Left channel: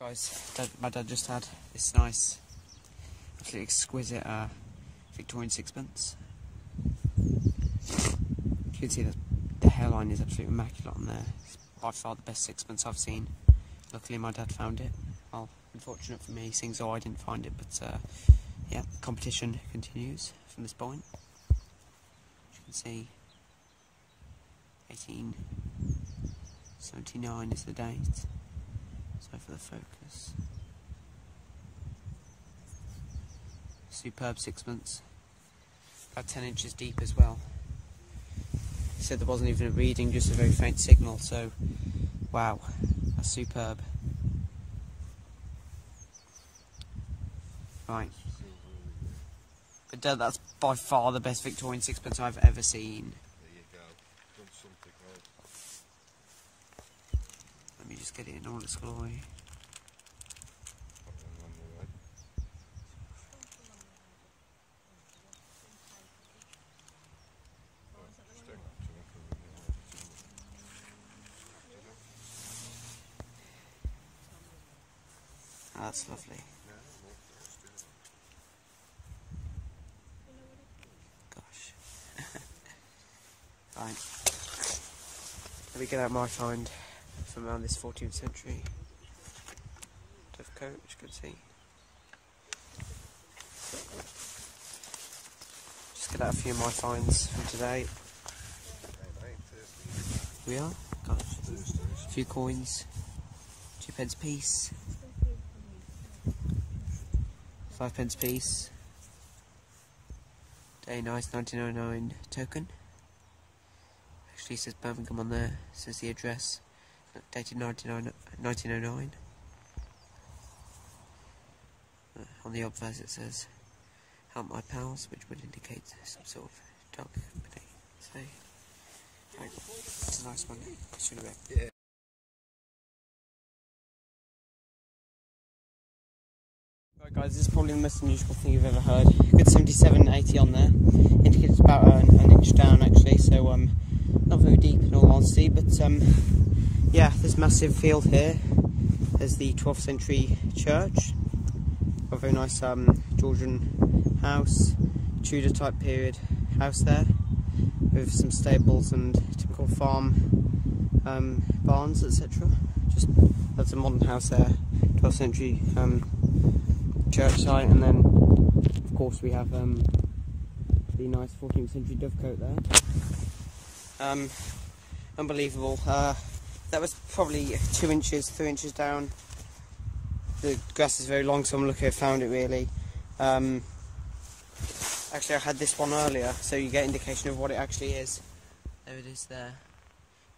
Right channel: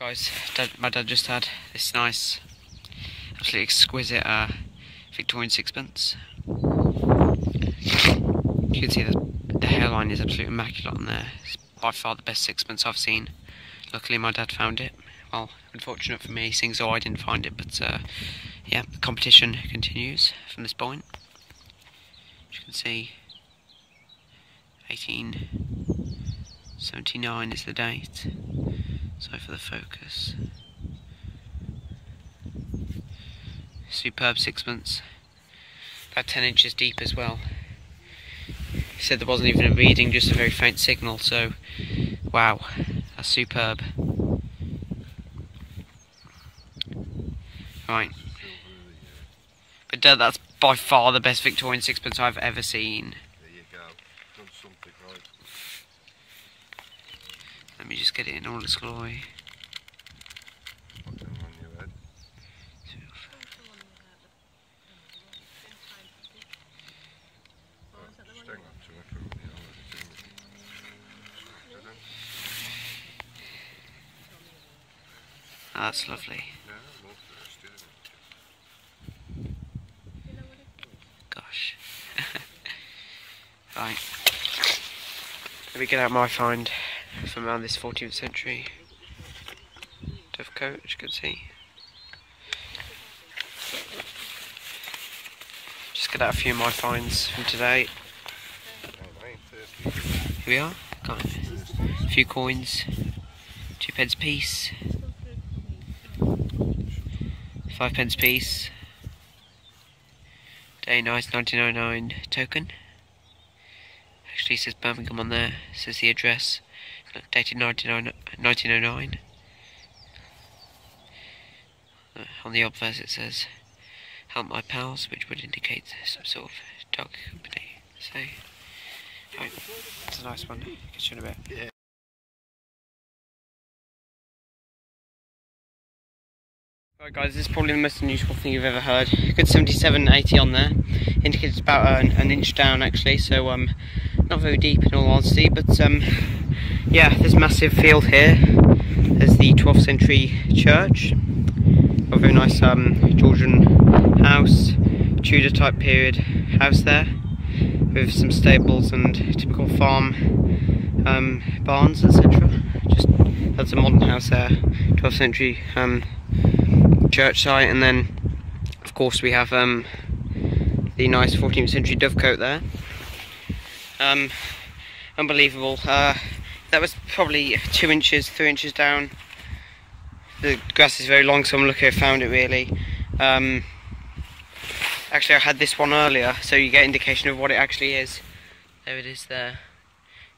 Right guys, my dad just had this nice, absolutely exquisite Victorian sixpence. You can see the hairline is absolutely immaculate on there. It's by far the best sixpence I've seen. Luckily my dad found it. Well, unfortunate for me, seeing so I didn't find it, but yeah, the competition continues from this point. As you can see, 1879 is the date. Sorry for the focus. Superb sixpence. About 10 inches deep as well. He said there wasn't even a reading, just a very faint signal, so wow, that's superb. Right. But that's by far the best Victorian sixpence I've ever seen. There you go. Done something right. Let me just get it in all its glory. Put them on your head. Just hang on to it for a minute. That's lovely. Yeah, more thirsty, isn't it? Gosh. Right. Let me get out my find from around this 14th century dovecote, as you can see. Just get out a few of my finds from today. Here we are. Got a few coins, 2p piece, 5p piece. Day nice 1909 token. Actually says Birmingham on there, says the address, dated 1909. On the obverse it says, help my pals, which would indicate some sort of dog company. So, right, it's a nice one, catch you in a bit. Yeah. Right guys, this is probably the most unusual thing you've ever heard. Good 77.80 on there, indicates about an inch down actually, so not very deep in all honesty, but yeah, this massive field here. There's the 12th century church, a very nice Georgian house, Tudor type period house there, with some stables and typical farm barns, etc. Just that's a modern house there, 12th century church site, and then of course we have the nice 14th century dovecote there. Unbelievable. That was probably 2 inches, 3 inches down. The grass is very long, so I'm lucky I found it really. Actually I had this one earlier, so you get indication of what it actually is. There it is there.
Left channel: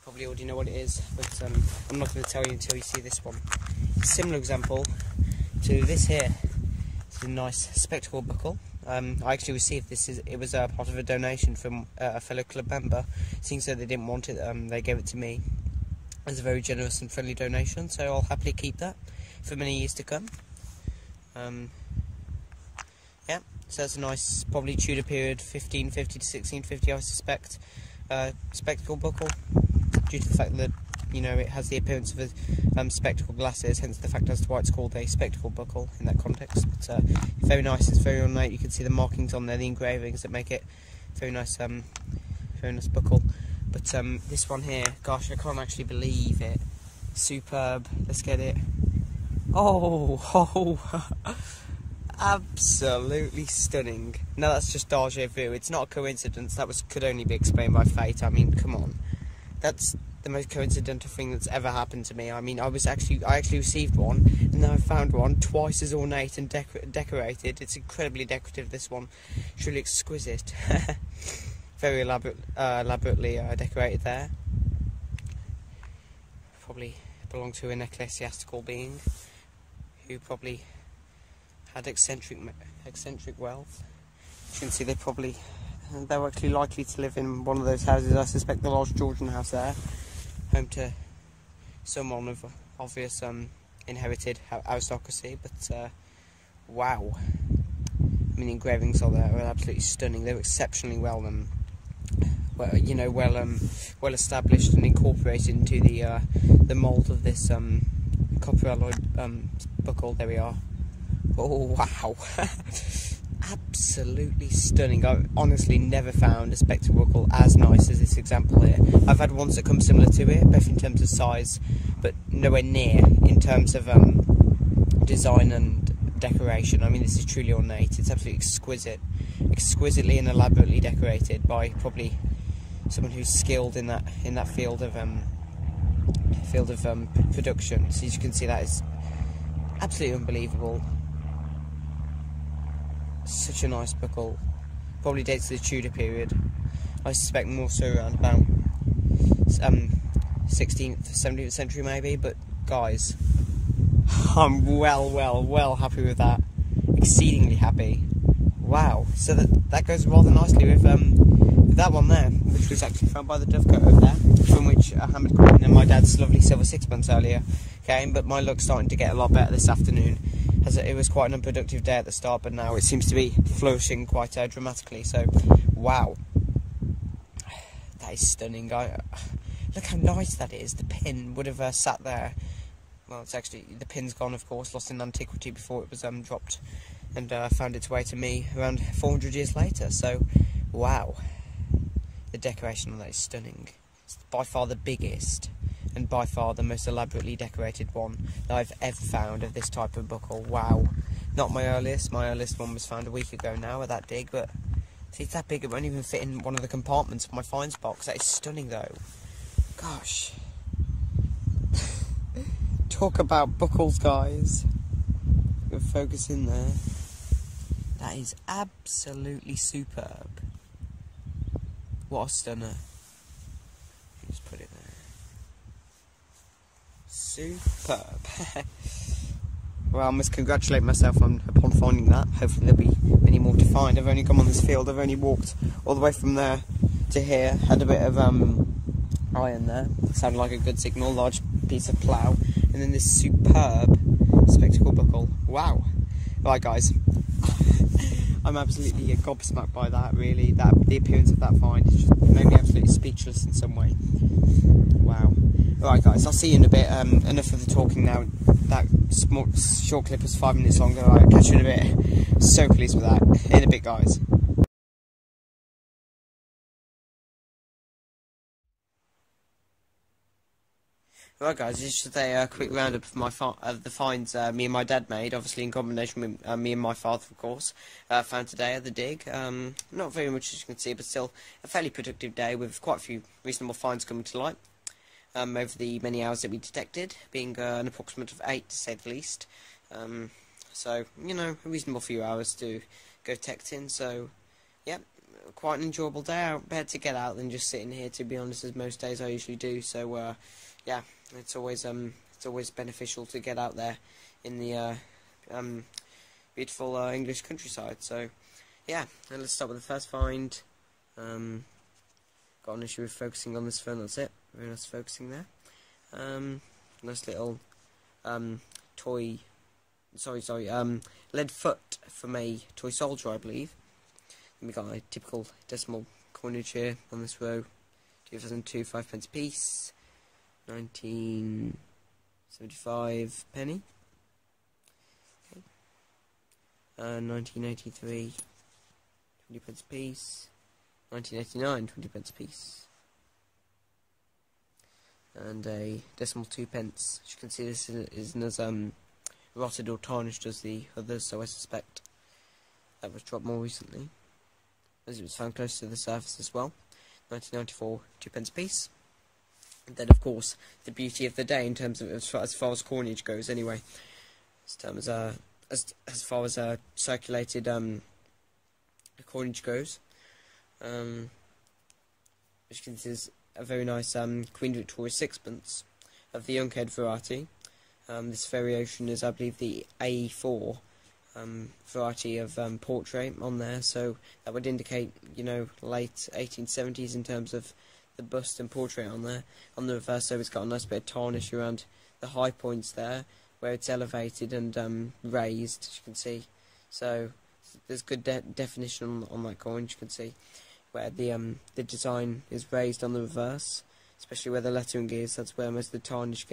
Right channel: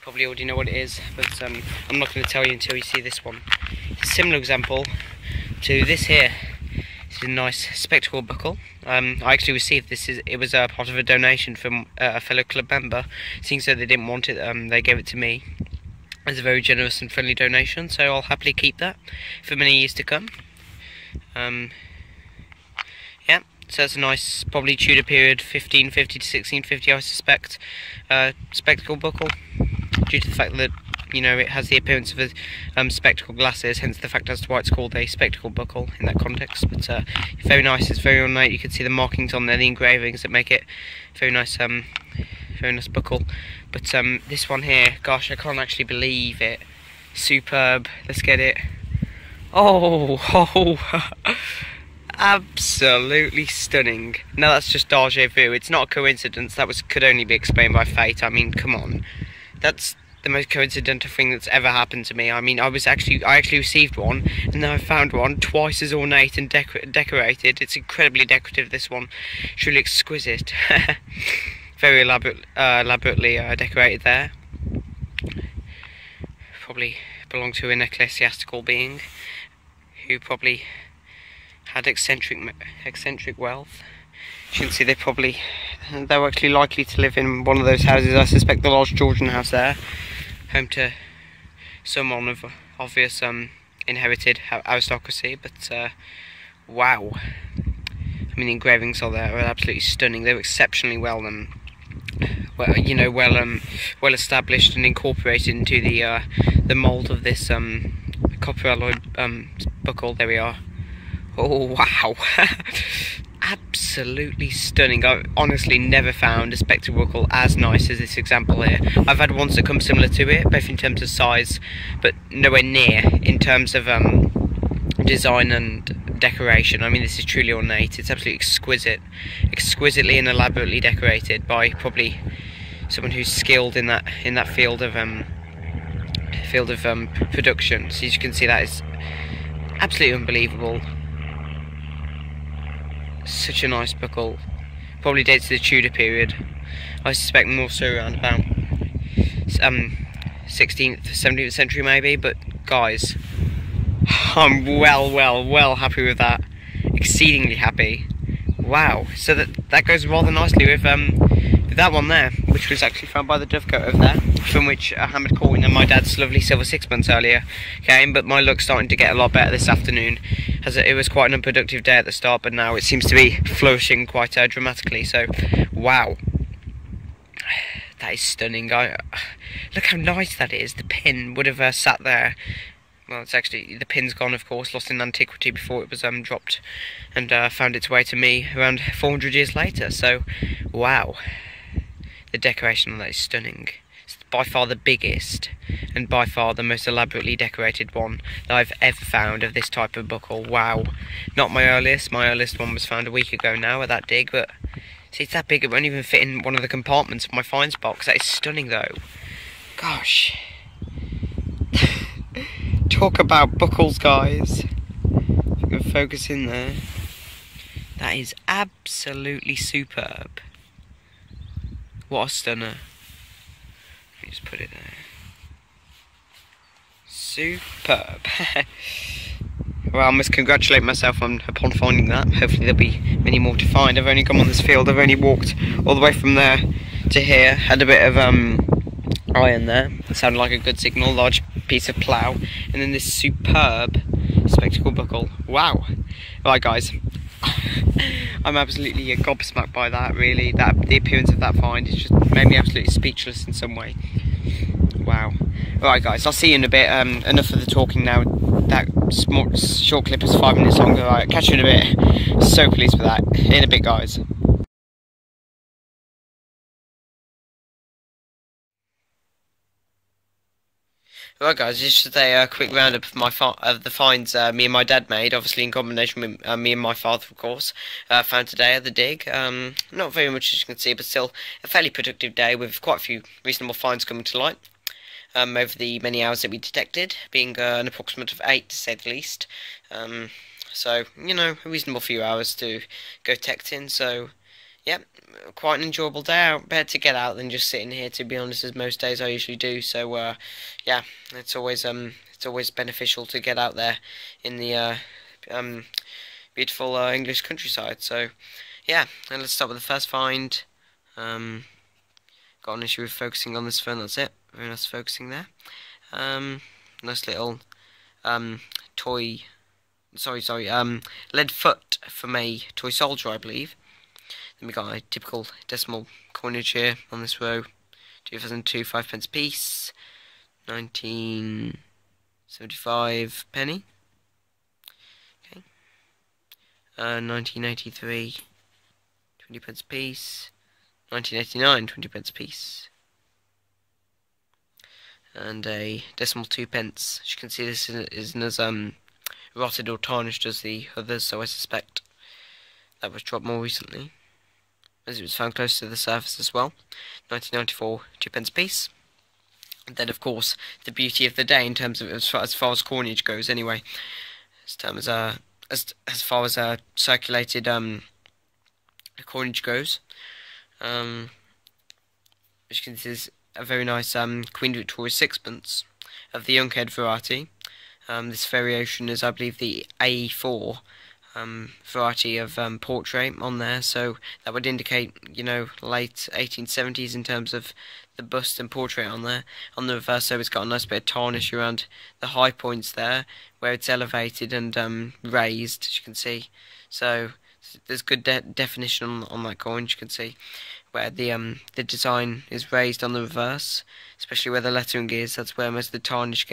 Probably already know what it is, but I'm not going to tell you until you see this one. It's a similar example to this here. It's a nice spectacle buckle. I actually received this. It was part of a donation from a fellow club member. Seeing so they didn't want it, they gave it to me as a very generous and friendly donation. So I'll happily keep that for many years to come. Yeah, so it's a nice, probably Tudor period, 1550 to 1650, I suspect, spectacle buckle. Due to the fact that, you know, it has the appearance of a spectacle glasses, hence the fact as to why it's called a spectacle buckle in that context. But very nice, it's very ornate. You can see the markings on there, the engravings that make it very nice buckle. But this one here, gosh, I can't actually believe it. Superb. Let's get it. Oh, absolutely stunning. Now that's just déjà vu. It's not a coincidence. That could only be explained by fate. I mean, come on. That's the most coincidental thing that's ever happened to me. I mean, I actually received one, and then I found one twice as ornate and decorated. It's incredibly decorative, this one. Truly exquisite. Very elaborately decorated there. Probably belonged to an ecclesiastical being who probably had eccentric wealth. You can see they were actually likely to live in one of those houses. I suspect the large Georgian house there, home to someone of obvious inherited aristocracy. But wow, I mean, the engravings are there are absolutely stunning. They're exceptionally well established and incorporated into the mould of this copper alloy buckle. There we are. Oh wow. Absolutely stunning. I've honestly never found a spectacle buckle as nice as this example here. I've had ones that come similar to it, both in terms of size, but nowhere near in terms of design and decoration. I mean, this is truly ornate. It's absolutely exquisite, exquisitely and elaborately decorated by probably someone who's skilled in that field of production. So as you can see, that is absolutely unbelievable. Such a nice buckle. Probably dates to the Tudor period. I suspect more so around about 16th, 17th century maybe. But guys, I'm well happy with that. Exceedingly happy. Wow. So that goes rather nicely with that one there, which was actually found by the dovecote over there, from which a hammered coin and my dad's lovely silver sixpence earlier came. But my luck's starting to get a lot better this afternoon, as it was quite an unproductive day at the start, but now it seems to be flourishing quite dramatically. So, wow, that is stunning. Look how nice that is. The pin would have sat there. Well, it's actually, the pin's gone, of course, lost in antiquity before it was dropped and found its way to me around 400 years later. So, wow, the decoration on that is stunning. It's by far the biggest and by far the most elaborately decorated one that I've ever found of this type of buckle. Wow. Not my earliest one was found a week ago now at that dig, but see, it's that big it won't even fit in one of the compartments of my finds box. That is stunning though. Gosh. Talk about buckles, guys. You can focus in there. That is absolutely superb. What a stunner. Let me just put it there. Superb. Well, I must congratulate myself upon finding that. Hopefully there'll be many more to find. I've only come on this field. I've only walked all the way from there to here. Had a bit of iron there. It sounded like a good signal. Large piece of plough. And then this superb spectacle buckle. Wow. Right, guys. I'm absolutely gobsmacked by that, really. The appearance of that find has just made me absolutely speechless in some way. Wow. Right, guys, I'll see you in a bit. Enough of the talking now. That short clip is 5 minutes longer. Right, catch you in a bit. So pleased with that. In a bit, guys. Right, guys, just a quick roundup of the finds me and my dad made, obviously in combination with me and my father, of course, found today at the dig. Not very much, as you can see, but still a fairly productive day with quite a few reasonable finds coming to light over the many hours that we detected, being an approximate of 8 to say the least. So, you know, a reasonable few hours to go detecting, so, yeah. Quite an enjoyable day out, better to get out than just sitting here, to be honest, as most days I usually do. So yeah, it's always beneficial to get out there in the beautiful English countryside. So yeah, and let's start with the first find. Got an issue with focusing on this phone. That's it. Very nice focusing there. Nice little toy. Sorry. Lead foot from a toy soldier, I believe. Then we got a typical decimal coinage here on this row. 2002 5-pence piece. 1975 penny. Okay. 1983 20-pence piece. 1989 20-pence piece. And a decimal 2-pence. As you can see, this isn't as rotted or tarnished as the others, so I suspect that was dropped more recently, as it was found close to the surface as well. 1994 2-pence piece. And then, of course, the beauty of the day in terms of as far as coinage goes, anyway, as far as circulated coinage goes. As you can see, there's a very nice Queen Victoria sixpence of the young head variety. This variation is, I believe, the A4 variety of portrait on there, so that would indicate, you know, late 1870s in terms of the bust and portrait on there. On the reverse, so it's got a nice bit of tarnish around the high points there, where it's elevated and raised, as you can see. So there's good definition on that coin, as you can see, where the design is raised on the reverse, especially where the lettering is. That's where most of the tarnish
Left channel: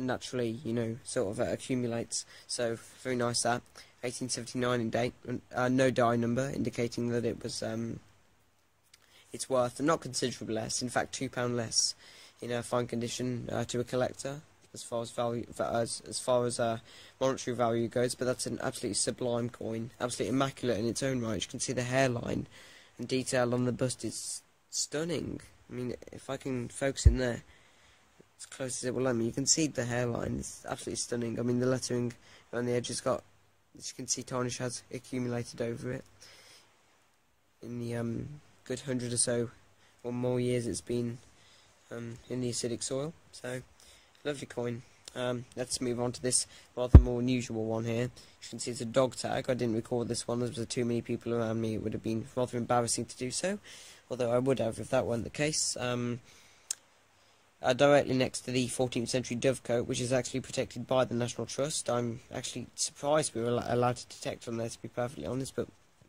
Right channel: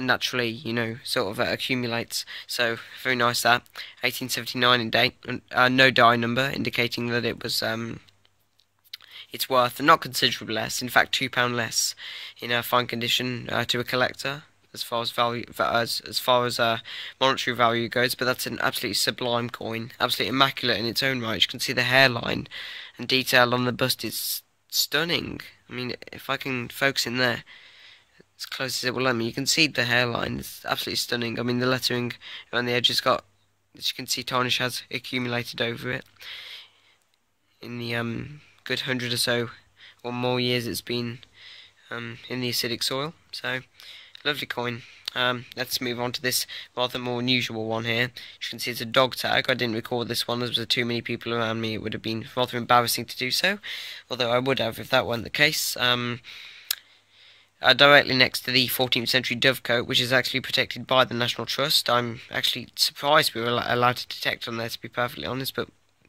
naturally, you know, sort of accumulates. So very nice that. 1879 in date, and no die number, indicating that it was its worth not considerably less, in fact £2 less in fine condition to a collector as far as value as far as monetary value goes. But that's an absolutely sublime coin, absolutely immaculate in its own right. You can see the hairline and detail on the bust is stunning. I mean, if I can focus in there as close as it will let me, you can see the hairline. It's absolutely stunning. I mean, the lettering around the edge has got, as you can see, tarnish has accumulated over it in the good 100 or so or more years it's been in the acidic soil. So lovely coin. Let's move on to this rather more unusual one here. As you can see, it's a dog tag. I didn't record this one as there were too many people around me. It would have been rather embarrassing to do so, although I would have if that weren't the case. Directly next to the 14th century dovecote, which is actually protected by the National Trust. I'm actually surprised we were allowed to detect on there, to be perfectly honest, but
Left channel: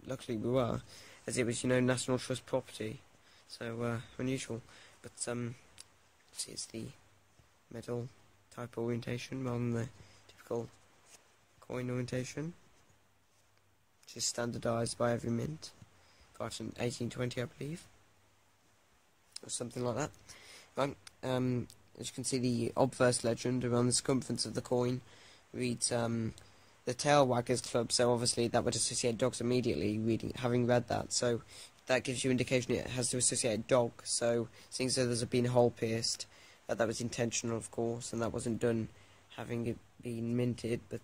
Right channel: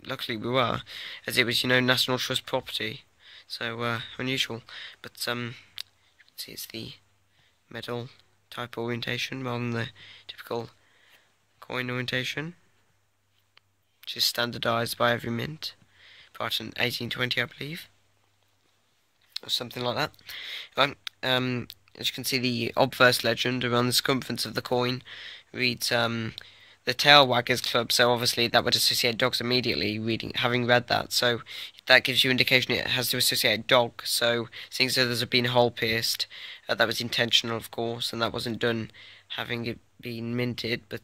luckily we were, as it was, you know, National Trust property. So unusual, but see, it's the medal type orientation rather than the typical coin orientation, which is standardised by every mint prior to 1820, I believe, or something like that. Right, as you can see, the obverse legend around the circumference of the coin reads the Tail Waggers Club, so obviously that would associate dogs immediately, having read that, so that gives you indication it has to associate dog. So seeing as though there's been a hole pierced, that was intentional, of course, and that wasn't done having it been minted, but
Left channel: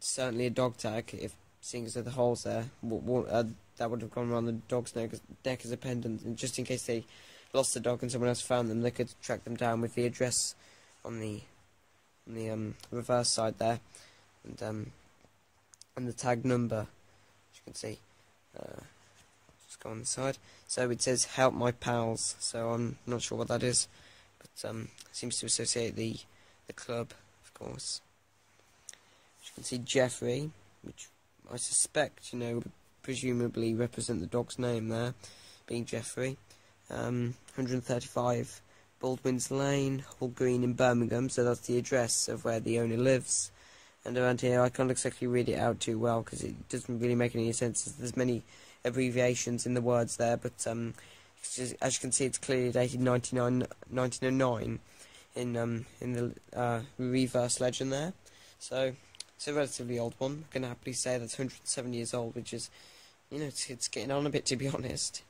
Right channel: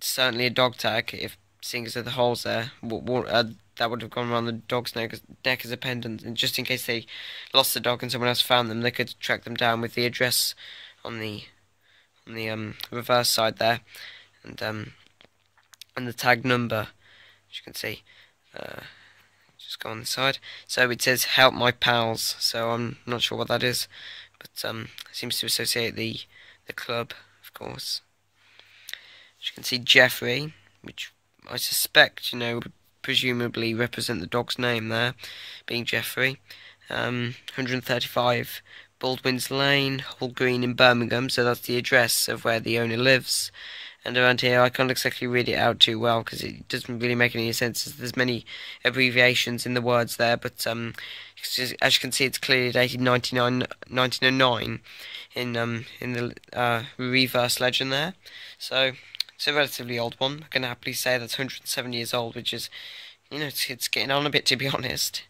certainly a dog tag, if seeing as though the hole's there, that would have gone around the dog's neck as a pendant, and just in case they lost the dog and someone else found them, they could track them down with the address on the reverse side there, and the tag number, as you can see. Just go on the side. So it says "Help my pals." So I'm not sure what that is, but it seems to associate the club, of course. As you can see, Jeffrey, which I suspect, you know, would presumably represent the dog's name there, being Jeffrey. 135 Baldwin's Lane, Hall Green in Birmingham. So that's the address of where the owner lives. And around here, I can't exactly read it out too well because it doesn't really make any sense. There's many abbreviations in the words there, but as you can see, it's clearly dated 1909 in the reverse legend there. So it's a relatively old one. I can happily say that's 107 years old, which is, you know, it's getting on a bit, to be honest.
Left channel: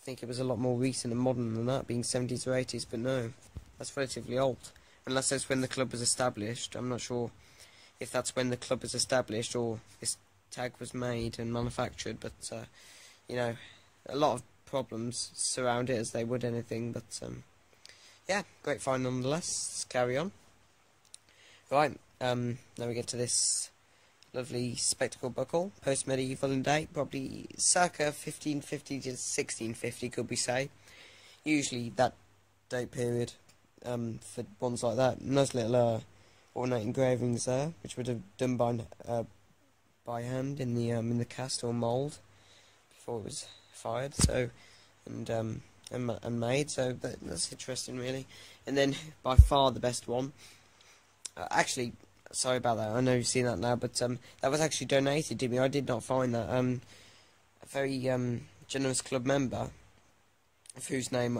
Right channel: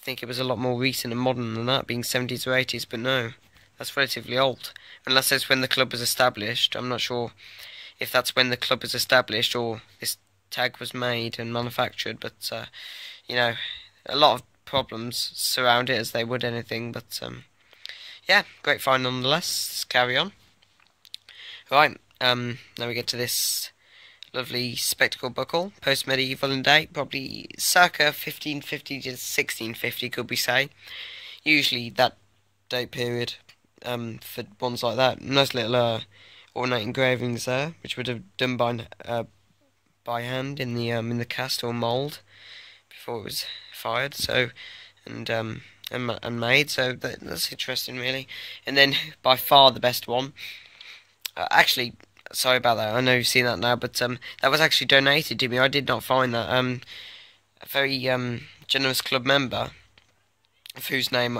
I think it was a lot more recent and modern than that, being 70s or 80s, but no, that's relatively old. Unless that's when the club was established. I'm not sure if that's when the club was established or this tag was made and manufactured, but you know, a lot of problems surround it, as they would anything, but yeah, great find nonetheless. Let's carry on. Right, now we get to this lovely spectacle buckle, post-medieval in date, probably circa 1550 to 1650, could we say. Usually that date period for ones like that. Nice little ornate engravings there, which would have done by hand in the cast or mould before it was fired. So and made. So that's interesting, really. And then by far the best one. Actually, sorry about that. I know you've seen that now, but that was actually donated to me. I did not find that. A very generous club member, of whom's name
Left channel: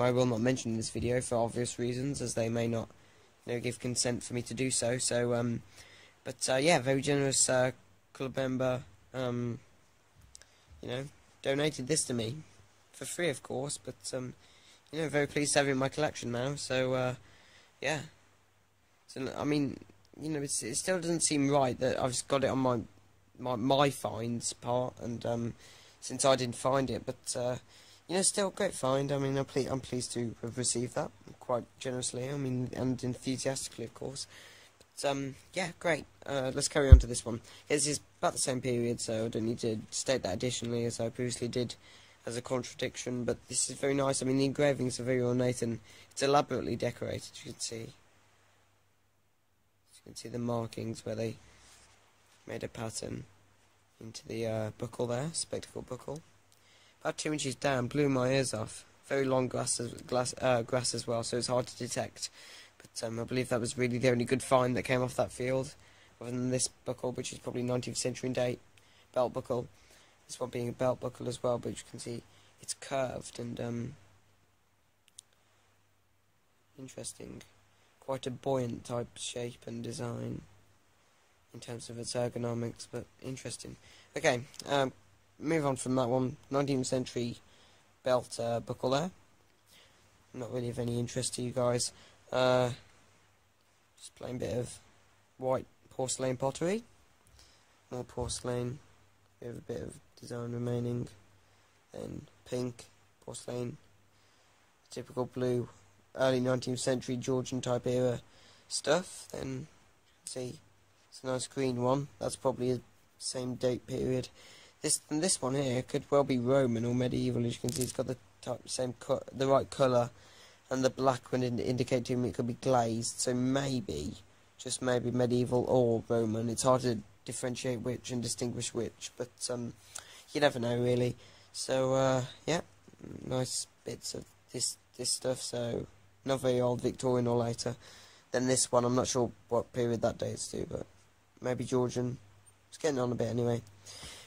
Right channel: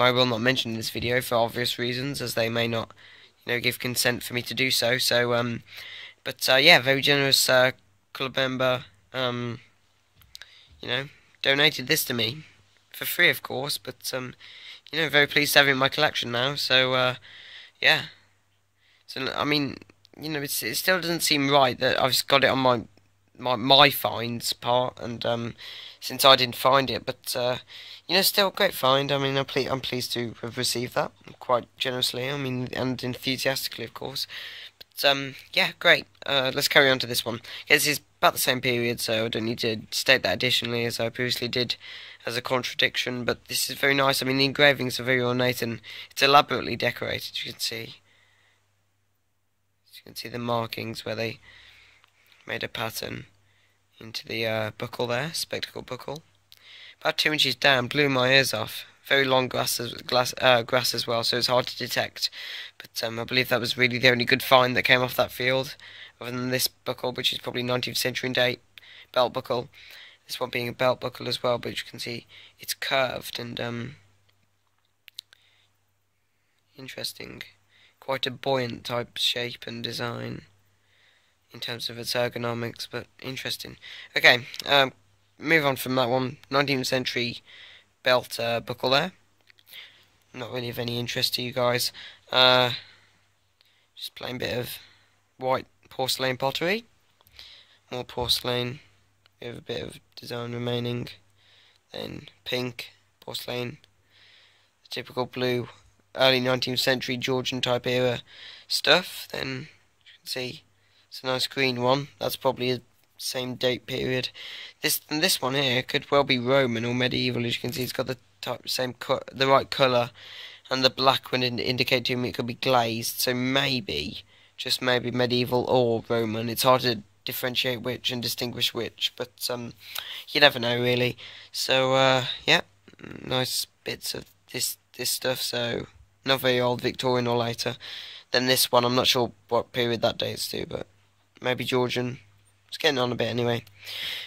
I will not mention in this video for obvious reasons, as they may not, you know, give consent for me to do so. So, but yeah, very generous club member, you know, donated this to me for free, of course. But you know, very pleased to have it in my collection now. So, yeah. So I mean, you know, it still doesn't seem right that I've got it on my finds part, and since I didn't find it, but you know, still a great find. I mean, I'm pleased to have received that quite generously. I mean, and enthusiastically, of course. But yeah, great. Let's carry on to this one. This is about the same period, so I don't need to state that additionally, as I previously did as a contradiction. But this is very nice. I mean, the engravings are very ornate and it's elaborately decorated. You can see. You can see the markings where they made a pattern into the buckle there, spectacle buckle. About 2 inches down, blew my ears off. very long grass as well, so it's hard to detect. But I believe that was really the only good find that came off that field, other than this buckle, which is probably 19th century in date, belt buckle. This one being a belt buckle as well, but as you can see, it's curved and interesting. Quite a buoyant type shape and design in terms of its ergonomics, but interesting. Okay, move on from that one. 19th century belt buckle there. Not really of any interest to you guys. Just plain bit of white porcelain pottery. More porcelain with a bit of design remaining. Then pink porcelain. The typical blue early 19th century Georgian type era stuff. Then you can see it's a nice green one. That's probably a same date period. This one here could well be Roman or medieval. As you can see, it's got the the right colour, and the black one indicate to me it could be glazed. So maybe, just maybe, medieval or Roman. It's hard to differentiate which and distinguish which, but you never know really. So yeah, nice bits of this stuff. So not very old, Victorian or later. Then this one, I'm not sure what period that dates to, but maybe Georgian. It's getting on a bit anyway.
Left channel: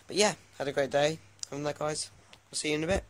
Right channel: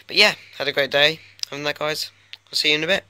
But yeah, had a great day. Other than that, guys, I'll see you in a bit.